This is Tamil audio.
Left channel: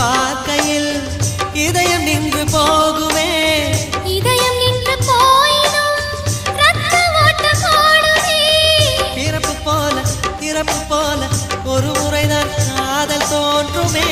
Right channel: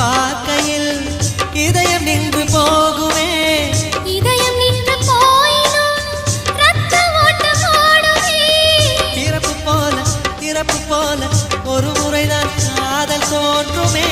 பார்க்கையில் இதயம் நின்று போகுமே. இதயம் நின்று போயினும் ரத்த ஓட்டம் ஓடுமே. பிறப்பு போல ஒரு முறைதான் காதல் தோன்றுமே.